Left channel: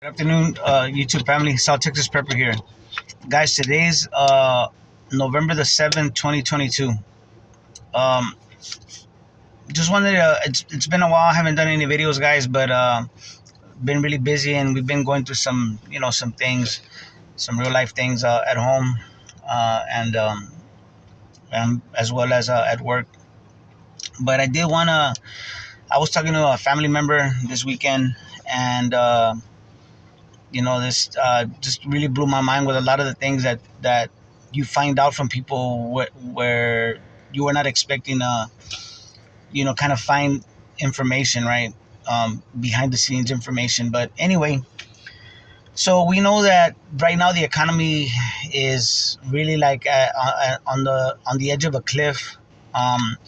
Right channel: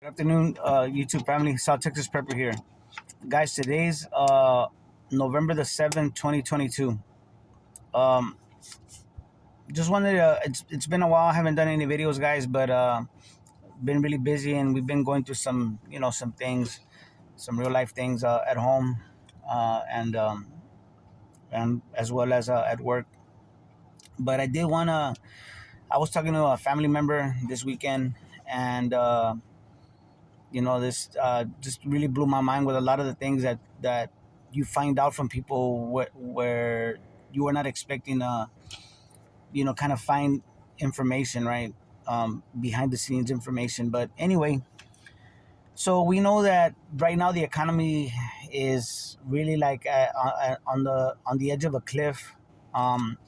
Good afternoon, YouTube family. South Texas Prepper here, guys. Today's November the 7th, 2022. Um, just wanted to. It's been a while. I haven't done any videos, guys, but been really busy, and we've been going through some some things, some real life things at home, and as well as at work. But I did wanna. I was talking to a family member this weekend, and this just really blew my mind with a lot of the things that you find out from people where you were not expecting kind of find information, right? Behind the scenes information. But anyway, so we know that right now the economy is really like on the edge of a cliff.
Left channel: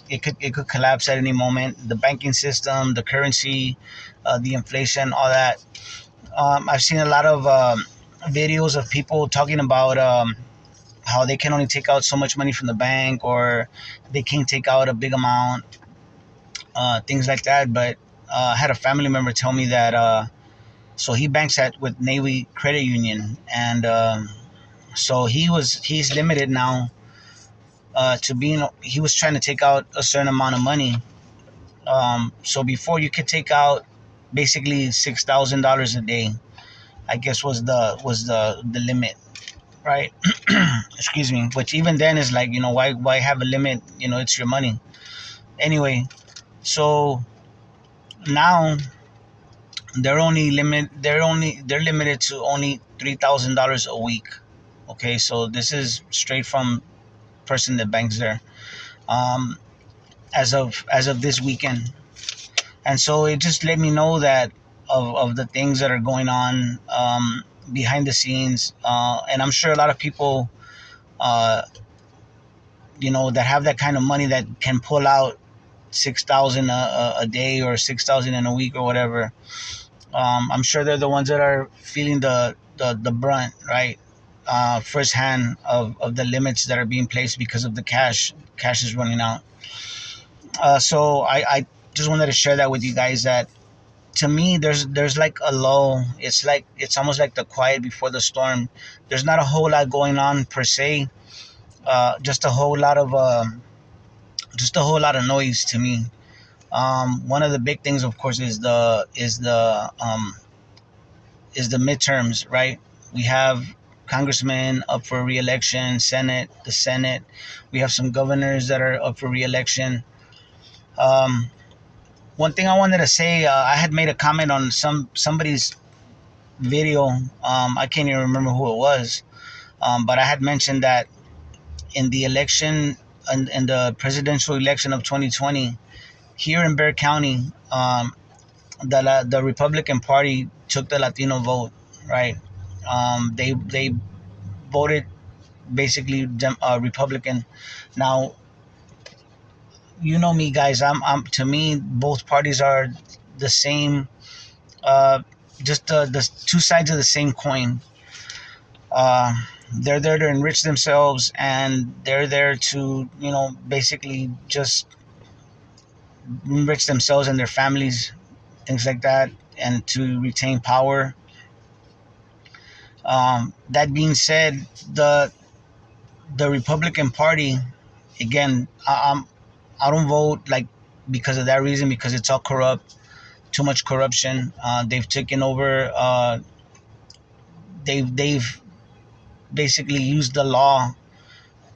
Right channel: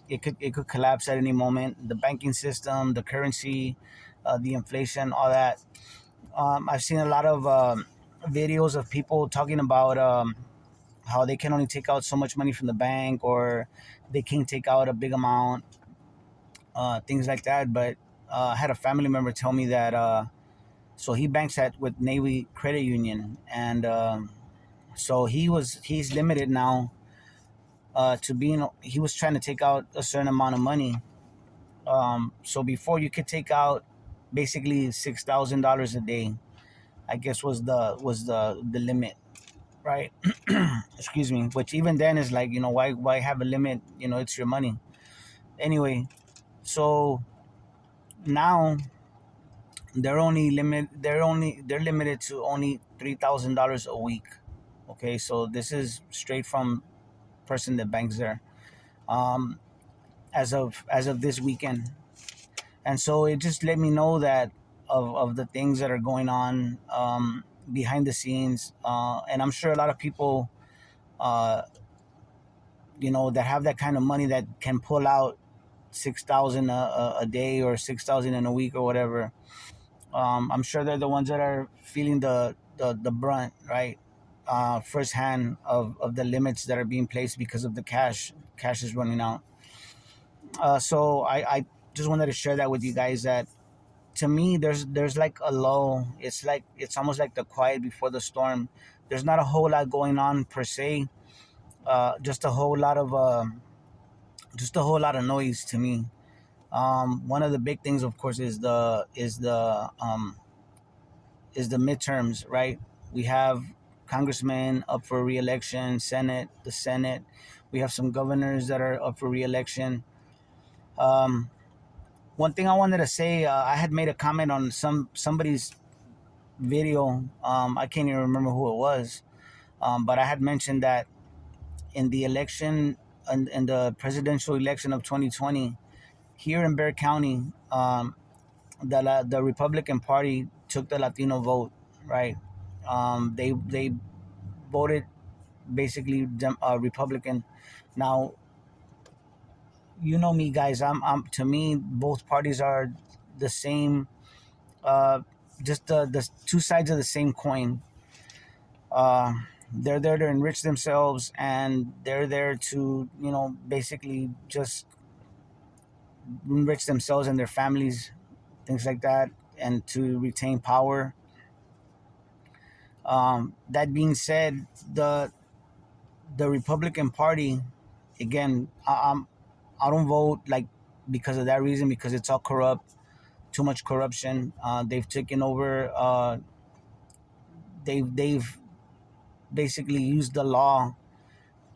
It could collapse at any moment. The banking system, the currency, the inflation, all that. I've seen a lot of videos of people talking about how they can only take out so much money from the bank, or they can't take out a big amount, things like that. But I had a family member tell me that so he banks at with Navy Credit Union, and so he's limited now to being. He was trying to take out a certain amount of money. So before you could take out basically $6,000 a day, I guess was the limit, right? Excuse me. Which even then is like, why have a limit? It's your money. Anyway, so now they're limited to only $3,000 a week. Okay, so this is straight from person that banks there. Um, as of this weekend, and so it just let me know that of the things that are going on behind the scenes, and I'm sure a lot of people uh, that have that kind of money that can pull out 6,000 a day, or 6,000 in a week, or whatever. I'm sure they're the ones that are feeling the brunt, right? Firsthand of the limits that are being placed because of the cash. Cash is running out. So I just wanted to share that with you guys, that to me there's like a lull. It's almost like the quiet before the storm. There's not a whole lot going on per se. Just a whole lot of noise to me. One of the big things, of course, is the midterms, right? We have congressmen up for re-election, the Senate. We have some governors that are up for re-election. Um, One thing I wanted to say, I had made a comment on somebody's video. I can't even remember who it was, but I had mentioned that in the election, in the presidential election of 2020, here in Bexar County, the Republican Party took the Latino vote, right? They voted basically Republican. Now, you know me, guys. I'm to me, both parties are the same. Uh, just the two sides of the same coin. Uh, they're there to enrich themselves, and they're there to basically just enrich themselves and their families, things like that, and to retain power. That being said, the Republican Party, again, I don't vote like because of that reason, because it's all corrupt, too much corruption. They've taken over. They've basically used the law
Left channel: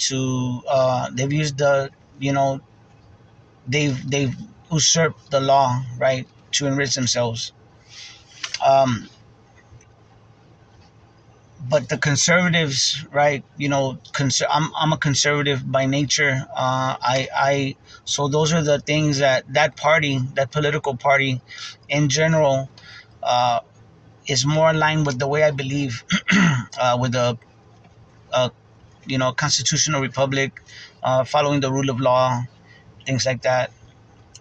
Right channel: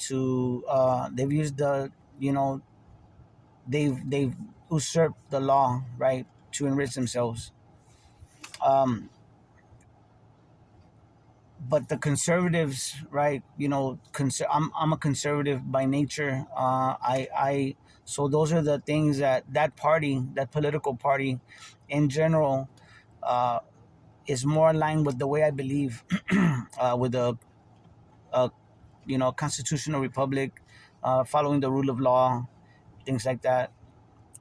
to. They've used the you know they've usurped the law, right, to enrich themselves. Um, but the conservatives, right? I'm a conservative by nature. I So those are the things that party, that political party, in general, uh, is more aligned with the way I believe, with a, uh, constitutional republic, following the rule of law, things like that.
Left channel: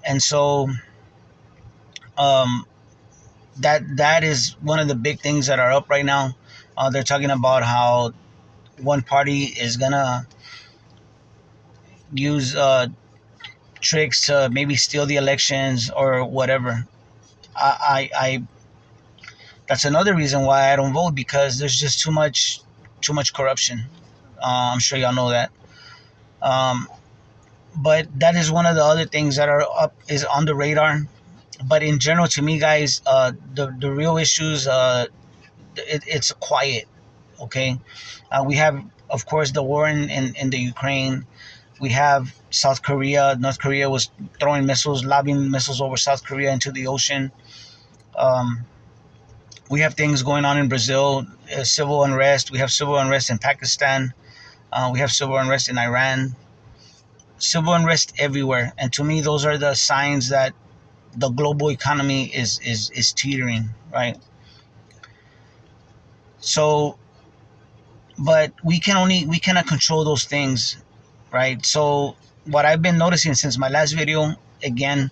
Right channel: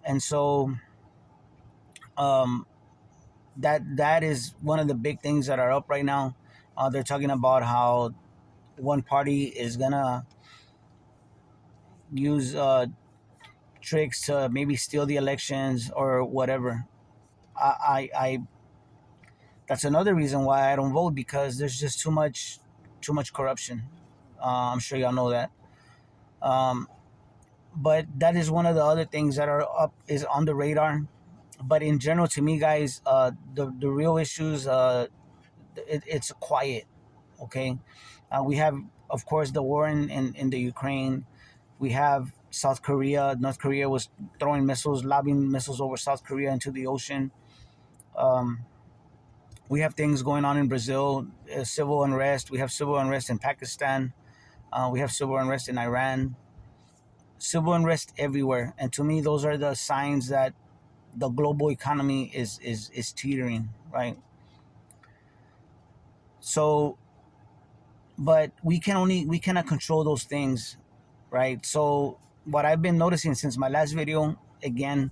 And so, um, that is one of the big things that are up right now. They're talking about how one party is gonna use tricks to maybe steal the elections or whatever. I That's another reason why I don't vote, because there's just too much corruption. I'm sure y'all know that. Um, but that is one of the other things that are up is on the radar. But in general, to me, guys, the real issues, it's quiet. Okay, we have, of course, the war in the Ukraine. We have South Korea. North Korea was throwing missiles, lobbing missiles over South Korea into the ocean. Um, we have things going on in Brazil, civil unrest. We have civil unrest in Pakistan. We have civil unrest in Iran. Civil unrest everywhere, and to me, those are the signs that the global economy is teetering, right? So, but we cannot control those things, right? So, what I've been noticing since my last video, again,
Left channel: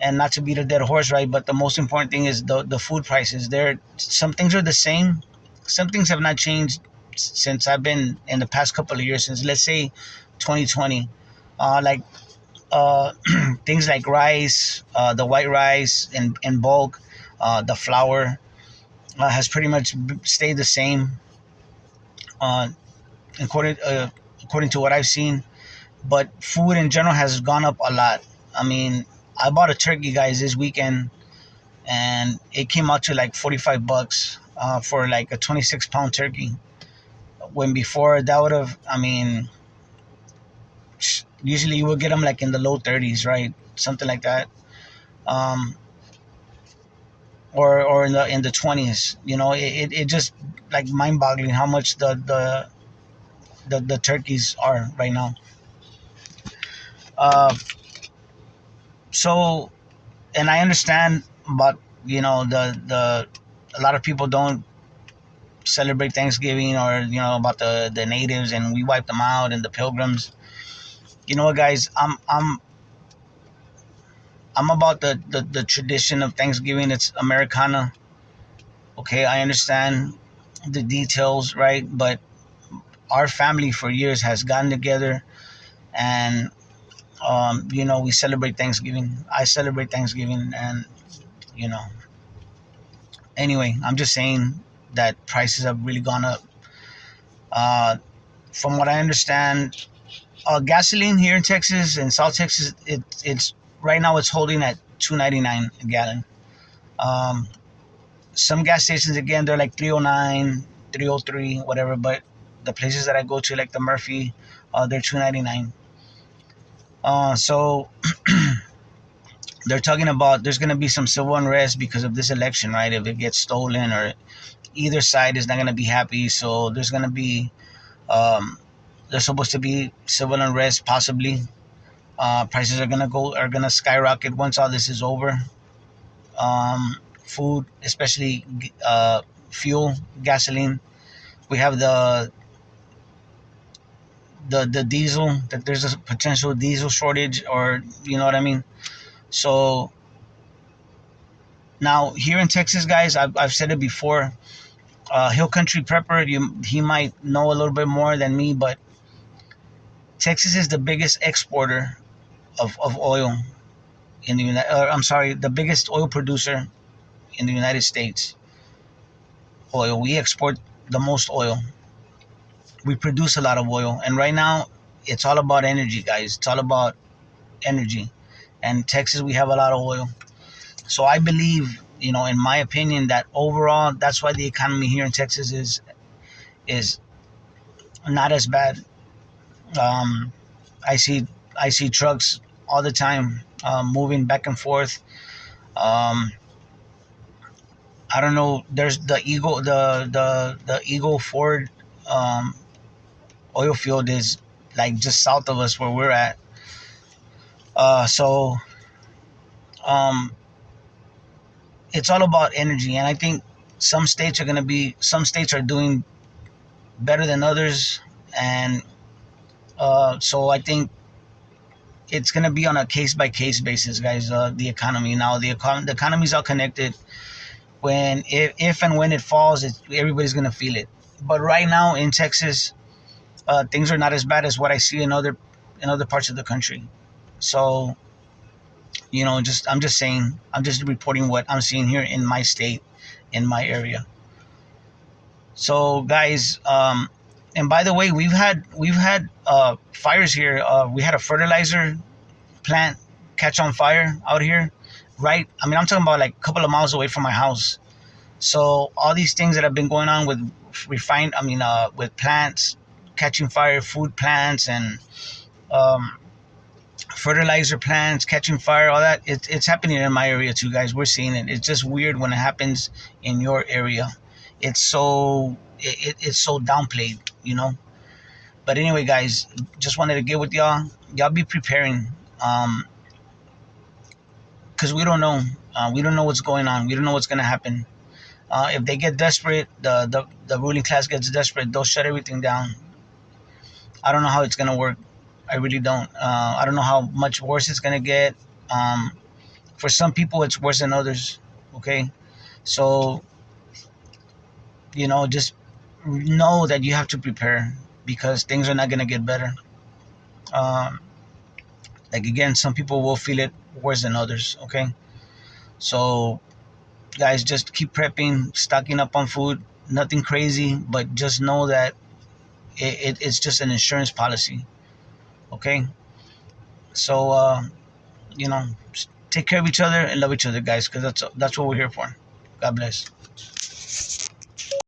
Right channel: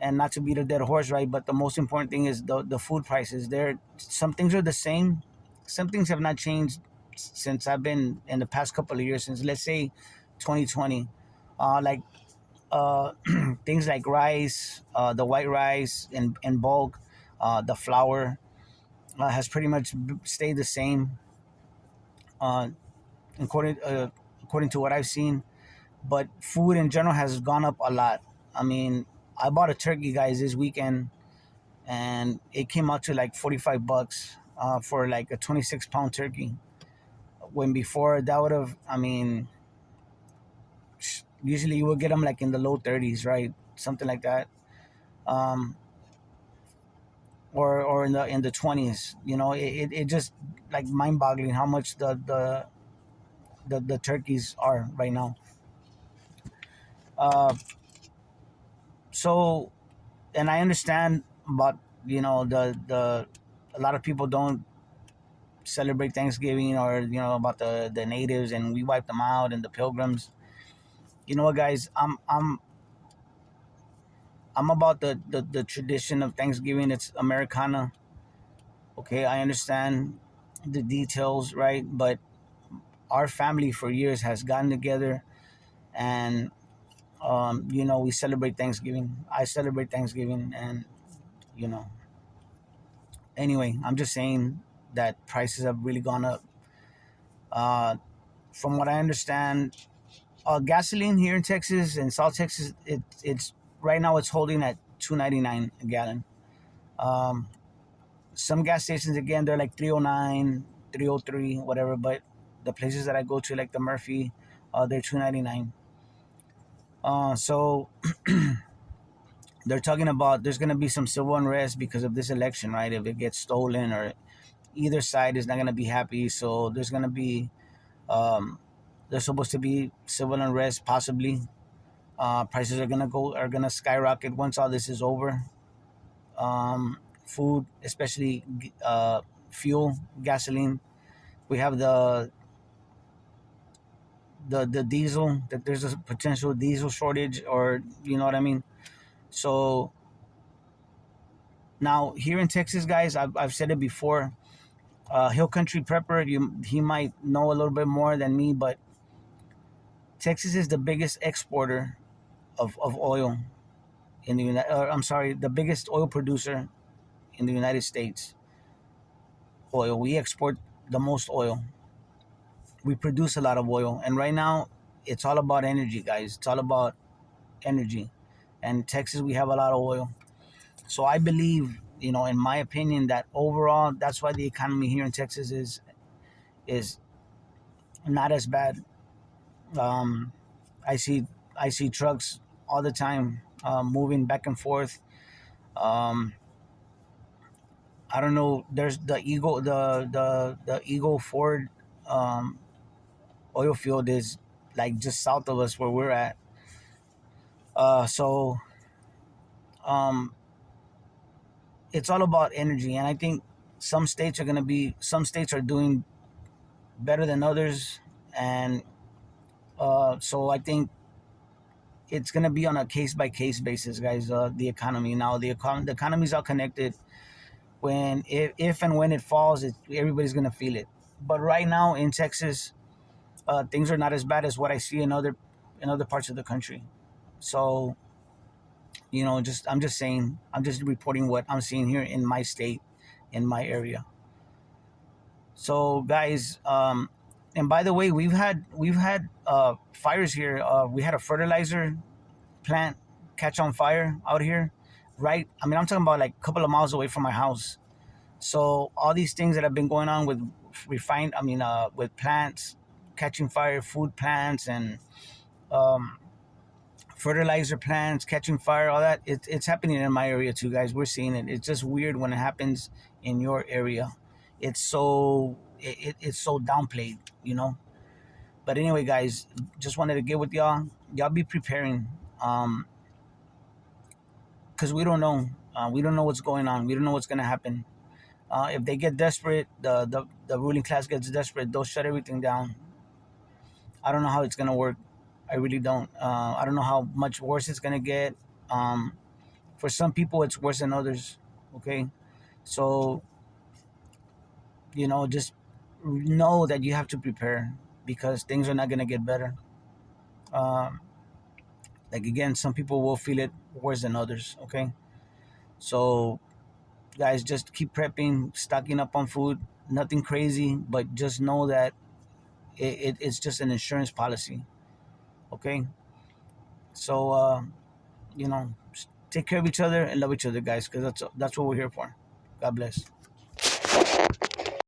and not to beat a dead horse, right? But the most important thing is the food prices. There, some things are the same. Some things have not changed since I've been in the past couple of years. Since, let's say, 2020, like things like rice, the white rice in bulk, the flour has pretty much stayed the same, uh, according according to what I've seen. But food in general has gone up a lot. I mean, I bought a turkey, guys, this weekend, and it came out to like $45 for like a 26-pound turkey. When before that would have, I mean, usually you would get them like in the low 30s, right? Something like that. Um, or in the 20s. You know, it just like mind boggling how much the turkeys are right now. Uh, so, and I understand about, the a lot of people don't celebrate Thanksgiving, or about the natives, and we wipe them out, and the pilgrims. You know what, guys? I'm about the tradition of Thanksgiving. It's Americana. Okay, I understand the details, right? But our family for years has gotten together, and we celebrate Thanksgiving. I celebrate Thanksgiving, and you know, anyway, I'm just saying that prices have really gone up. Uh, from what I understand, gasoline here in Texas and South Texas, it's right now it's holding at $2.99 a gallon. Um, some gas stations, again, they're like 309, 303, whatever. But the places that I go to, like the Murphy, they're $2.99. So they're talking about there's going to be some civil unrest because of this election, right? If it gets stolen, or either side is not going to be happy, so there's going to be um, there's supposed to be civil unrest, possibly. Prices are gonna skyrocket once all this is over. Food, especially fuel, gasoline. We have the diesel, that there's a potential diesel shortage, or you know what I mean. So now here in Texas, guys, I've said it before. Hill Country Prepper, he might know a little bit more than me, but Texas is the biggest exporter of oil in the United. I'm sorry, the biggest oil producer in the United States. Oil. We export the most oil. We produce a lot of oil, and right now it's all about energy, guys. It's all about energy. And Texas, we have a lot of oil. So I believe, in my opinion, that overall, that's why the economy here in Texas is not as bad. Um, I see I see trucks all the time, moving back and forth. Um, I don't know. There's the Eagle Ford um, oil field is like just south of us where we're at. So um, it's all about energy, and I think some states are doing better than others, and so I think it's gonna be on a case by case basis, guys. The economy now, the economy's all connected. When if and when it falls, everybody's gonna feel it. But right now in Texas, things are not as bad as what I see in other parts of the country. So just I'm just saying, I'm just reporting what I'm seeing here in my state, in my area. So guys, and by the way, we've had fires here. We had a fertilizer plant catch on fire out here, right? I mean, I'm talking about like a couple of miles away from my house. So all these things that have been going on with with plants catching fire, food plants, and um, fertilizer plants catching fire, all that, it's happening in my area too, guys. We're seeing it. It's just weird when it happens in your area. It's so downplayed, you know. But anyway, guys, just wanted to get with y'all. Y'all be preparing, because we don't know what's going on. We don't know what's gonna happen. If they get desperate, the ruling class gets desperate, they'll shut everything down. I don't know how it's gonna work. I really don't. I don't know how much worse it's gonna get. Um, for some people, it's worse than others. Okay, so just know that you have to prepare, because things are not gonna get better. Um, like again, some people will feel it worse than others. Okay, so guys, just keep prepping, stocking up on food. Nothing crazy, but just know that it's just an insurance policy. Okay, so you know take care of each other and love each other, guys, because that's what we're here for. God bless.